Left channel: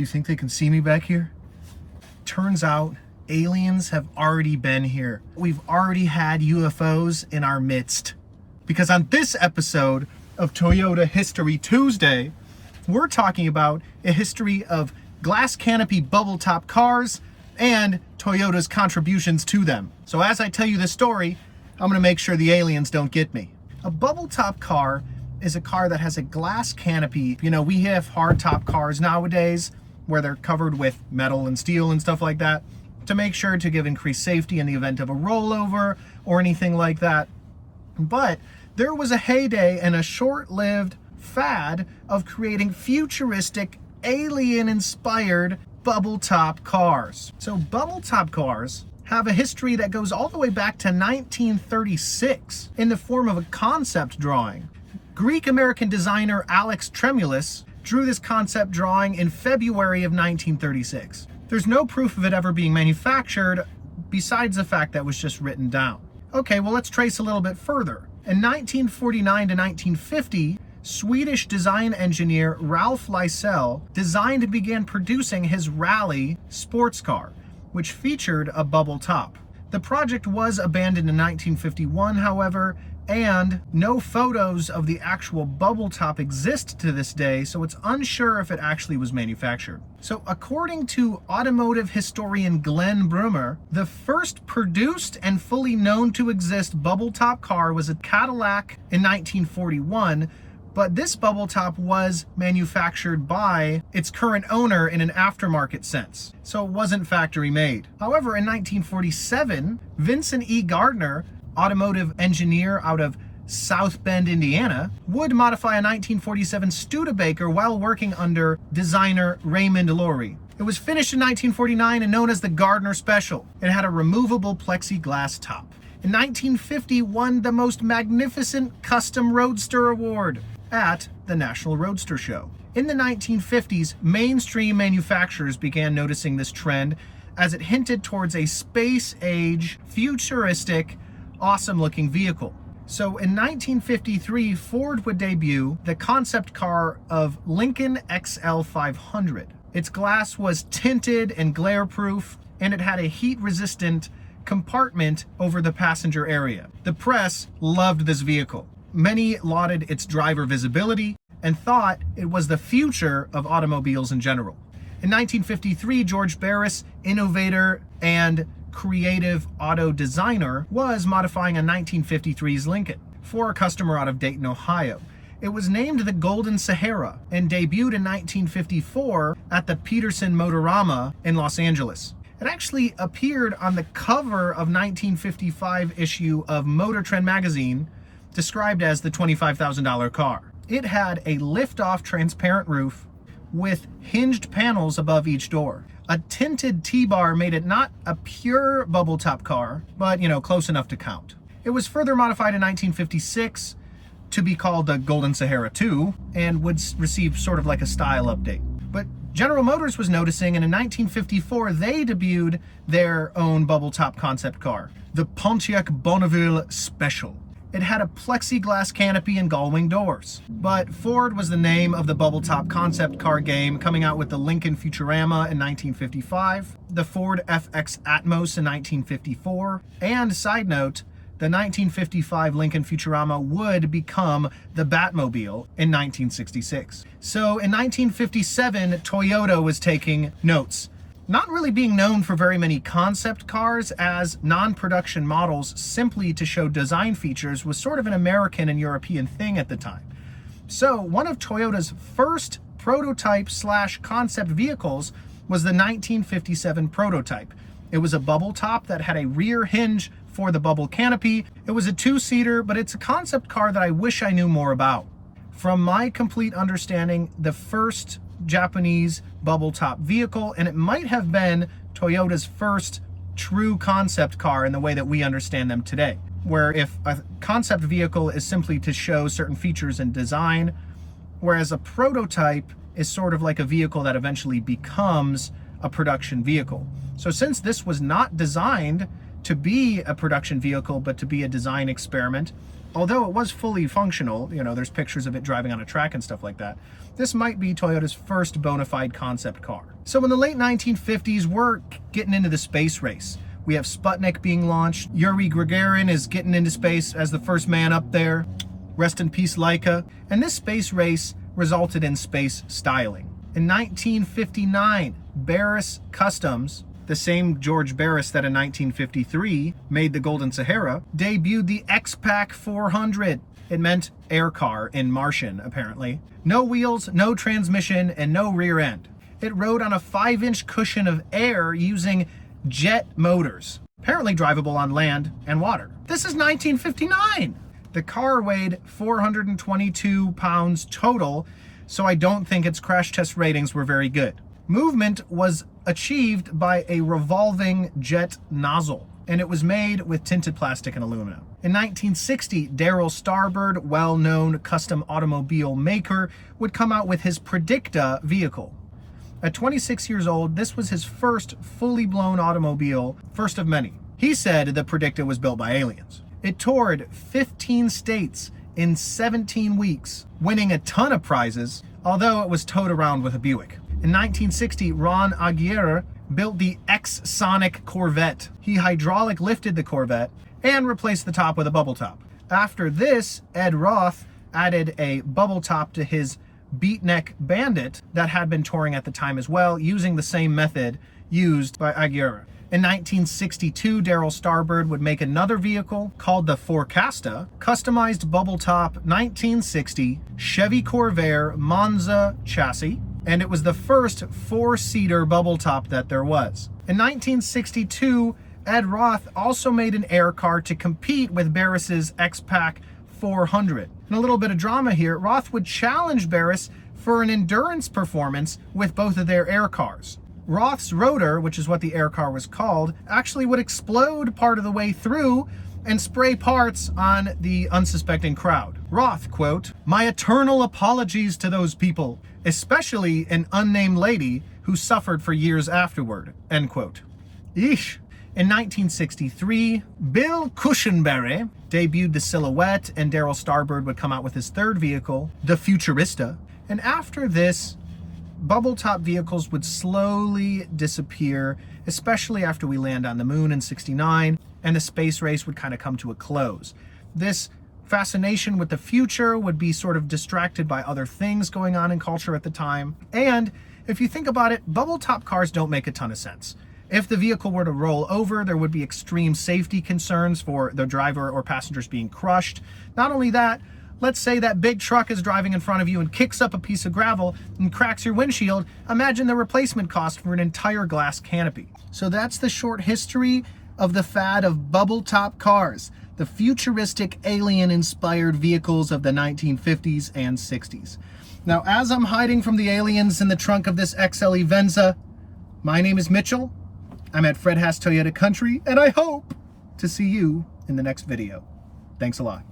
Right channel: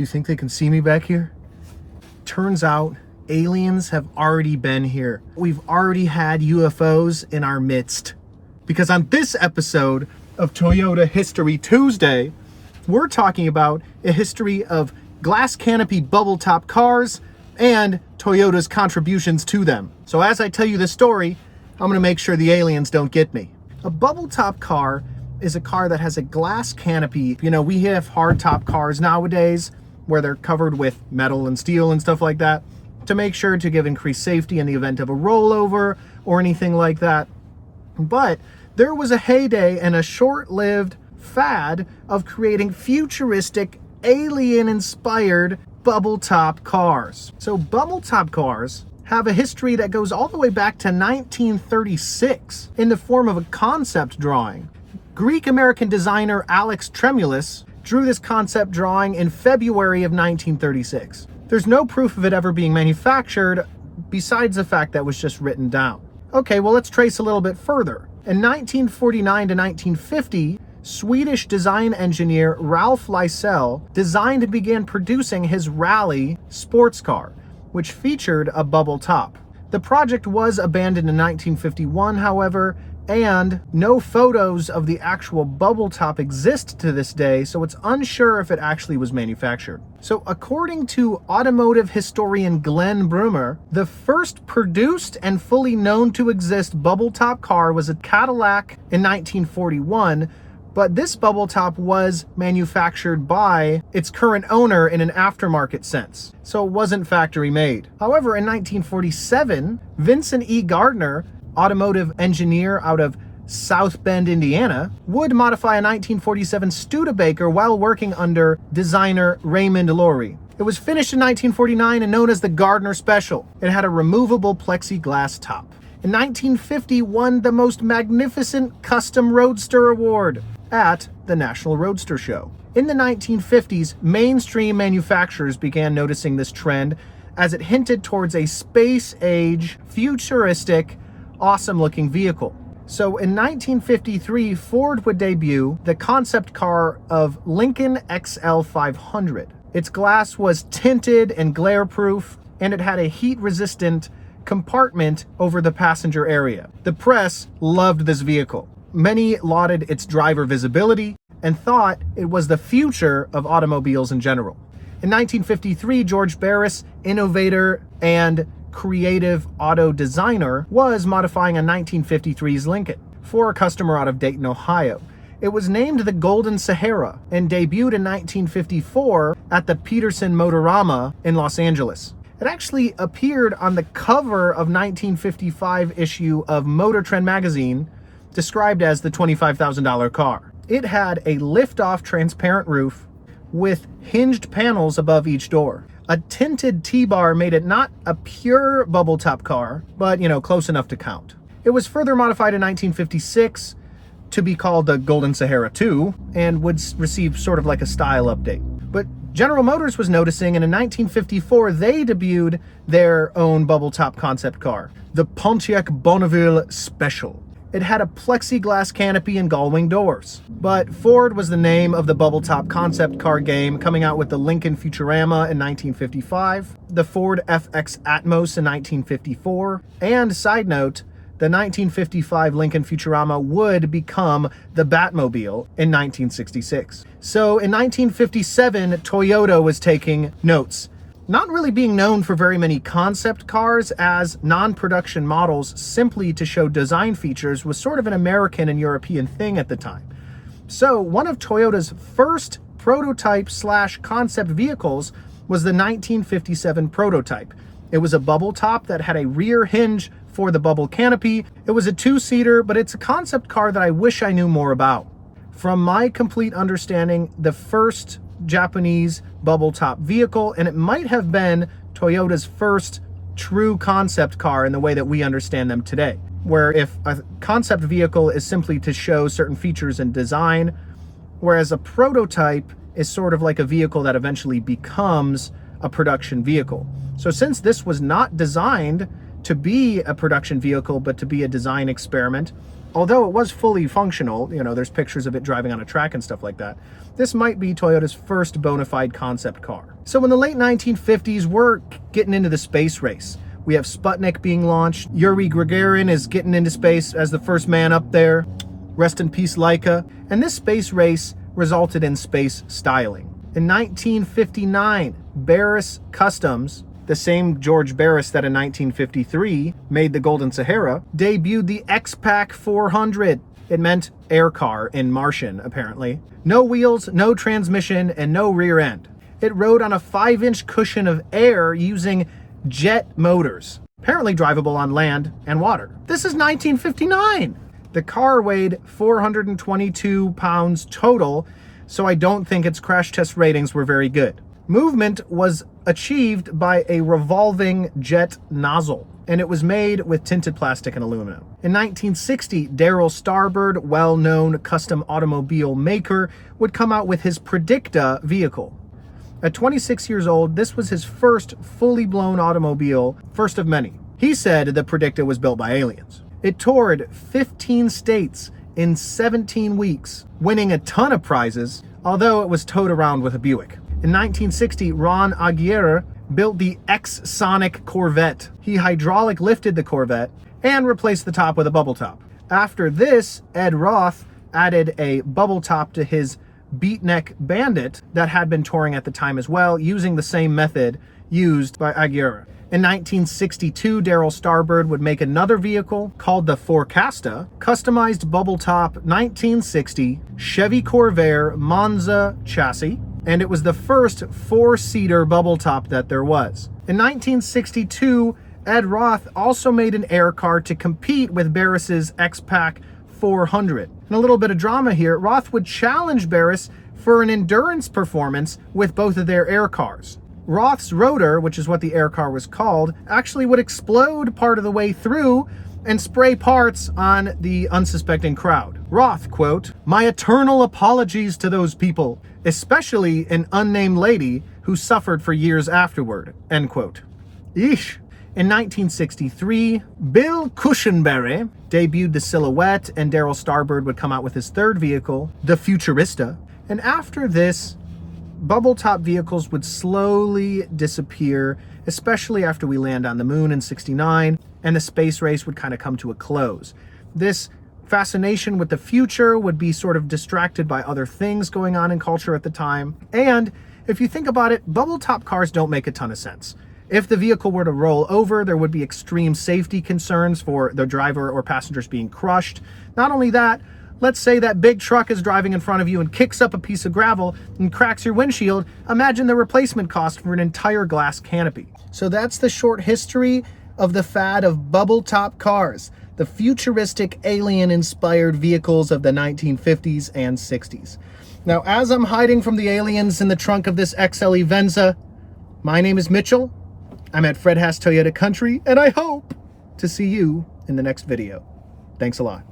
You think they can see me back here? Turns out aliens have already been here. We've already had UFOs in our midst. Because on this episode of Toyota History Tuesday, we're talking about a history of glass canopy bubble top cars and Toyota's contributions to them. So as I tell you this story, I'm gonna make sure the aliens don't get me. A bubble top car is a car that has a glass canopy. You know, we have hard top cars nowadays where they're covered with metal and steel and stuff like that to make sure to give increased safety in the event of a rollover or anything like that. But there was a heyday and a short-lived fad of creating futuristic, alien-inspired bubble top cars. So bubble top cars have a history that goes all the way back to 1936 in the form of a concept drawing. Greek-American designer Alex Tremulous drew this concept drawing in February of 1936. There's no proof of it ever being manufactured besides the fact that it was just written down. Okay, well, let's trace a little bit further. In 1949 to 1950, Swedish design engineer Ralph Lysell designed and began producing his Rally sports car, which featured a bubble top. The project was abandoned in 1951, however, and no photos of the actual bubble top exist to this day, so it's unsure if it actually was manufactured. So according to automotive historian Glenn Brummer, the first produced and fully known to exist bubble top car was a Cadillac in 1941, but this bubble top was manufactured by its current owner in an aftermarket sense, so it wasn't factory made. However, in 1947, Vincent E. Gardner, automotive engineer out of South Bend, Indiana, would modify a 1947 Studebaker while working under designer Raymond Loewy. It was finished in 1949 and known as the Gardner Special. It had a removable plexiglass top. In 1950, won the most magnificent custom roadster award at the National Roadster Show. In the 1950s, mainstream manufacturers began noticing this trend as it hinted towards a space-age, futuristic, awesome-looking vehicle. So in 1953, Ford would debut the concept car of Lincoln XL 500. Its glass was tinted and glare-proof, and it had a heat-resistant compartment over the passenger area. The press loved this vehicle. Many lauded its driver visibility and thought it was the future of automobiles in general. In 1953, George Barris, innovator and creative auto designer, was modifying a 1953's Lincoln for a customer out of Dayton, Ohio. It was named the Golden Sahara and debuted in 1954 at the Peterson Motorama in Los Angeles. It actually appeared on the cover of 1955 issue of Motor Trend magazine, described as the $25,000 car. It had a lift-off transparent roof with hinged panels above each door. A tinted T-bar made it not a pure bubble top car, but, close enough to count. It was further modified in 1956 to be called the Golden Sahara 2 and would receive sort of like a style update. But General Motors was noticing, and in 1954, they debuted their own bubble top concept car, the Pontiac Bonneville Special. It had a plexiglass canopy and gull-wing doors. But Ford was the name of the bubble top concept car game, coming out with the Lincoln Futurama in 1955, the Ford FX Atmos in 1954, and side note, the 1955 Lincoln Futurama would become the Batmobile in 1966. So in 1957, Toyota was taking notes. Not really being known for very many concept cars as non-production models simply to show design features was sort of an American and European thing at the time. So one of Toyota's first prototype/concept vehicles was the 1957 prototype. It was a bubble top that had a rear hinge for the bubble canopy. It was a two-seater, but it's a concept car that I wish I knew more about. From my complete understanding, the first Japanese bubble top vehicle, and it might have been Toyota's first true concept car in the way that we understand them today, where if a concept vehicle is simply to show certain features and design, whereas a prototype is sort of like a vehicle that eventually becomes a production vehicle. So since this was not designed to be a production vehicle, but to be a design experiment, although it was fully functional, there's pictures of it driving on a track and stuff like that, this might be Toyota's first bona fide concept car. So in the late 1950s, we're getting into the space race. We have Sputnik being launched. Yuri Gagarin is getting into space as the first man up there. Rest in peace, Laika. And this space race resulted in space styling. In 1959, Barris Customs, the same George Barris that in 1953 made the Golden Sahara, debuted the X-Pac 400. It meant air car in Martian, apparently. No wheels, no transmission, and no rear end. It rode on a 5-inch cushion of air using jet motors, apparently drivable on land and water. This is 1959. The car weighed 422 pounds total, so I don't think its crash test ratings were very good. Movement was achieved by a revolving jet nozzle, and it was made with tinted plastic and aluminum. In 1960, Darrell Starbird, well-known custom automobile maker, would come out with his Predicta vehicle. At 26 years old, this was his first fully blown automobile, first of many. He said the Predicta was built by aliens. It toured 15 states in 17 weeks, winning a ton of prizes, although it was towed around with a Buick. In 1960, Ron Aguirre built the Sonic Corvette. He hydraulic lifted the Corvette and replaced the top with a bubble top. After this, Ed Roth added a bubble top to his Beatnik Bandit that had been touring at the time as well, using the same method used by Aguirre. In 1962, Darrell Starbird would make another vehicle called the Forecasta, customized bubble top 1960 Chevy Corvair Monza chassis, and it was the first 4-seater bubble top that there was. In 1962, Ed Roth also made an air car to compete with Barris's X-Pac 400. And a little bit of drama here, Roth would challenge Barris for an endurance performance with both of their air cars. Roth's rotor, which is what the air car was called, actually would explode part of the way through and spray parts on the unsuspecting crowd. Roth, quote, "My eternal apologies to those people, especially an unnamed lady who suffered for years afterward," end quote. Eesh. In 1963, Bill Cushenberry debuted the Silhouette, and Darrell Starbird would come out with his third vehicle, the Futurista. And after this, bubble top vehicles would slowly disappear, especially after we land on the moon in 69, and the space race would kind of come to a close. This fascination with the future would be sort of distracted by other things going on in culture at the time. And if you think about it, bubble top cars don't make a ton of sense. If the vehicle were to roll over, there would be extreme safety concerns for the driver or passengers being crushed. Not only that, let's say that big truck is driving in front of you and kicks up a piece of gravel and cracks your windshield. Imagine the replacement cost for an entire glass canopy. So that's the short history of the fad of bubble top cars, the futuristic alien-inspired vehicles of the 1950s and 60s. Now, as I'm hiding from the aliens in the trunk of this XLE Venza, my name is Mitchell. I'm at Fred Haas Toyota Country, and I hope to see you in the next video. Thanks a lot.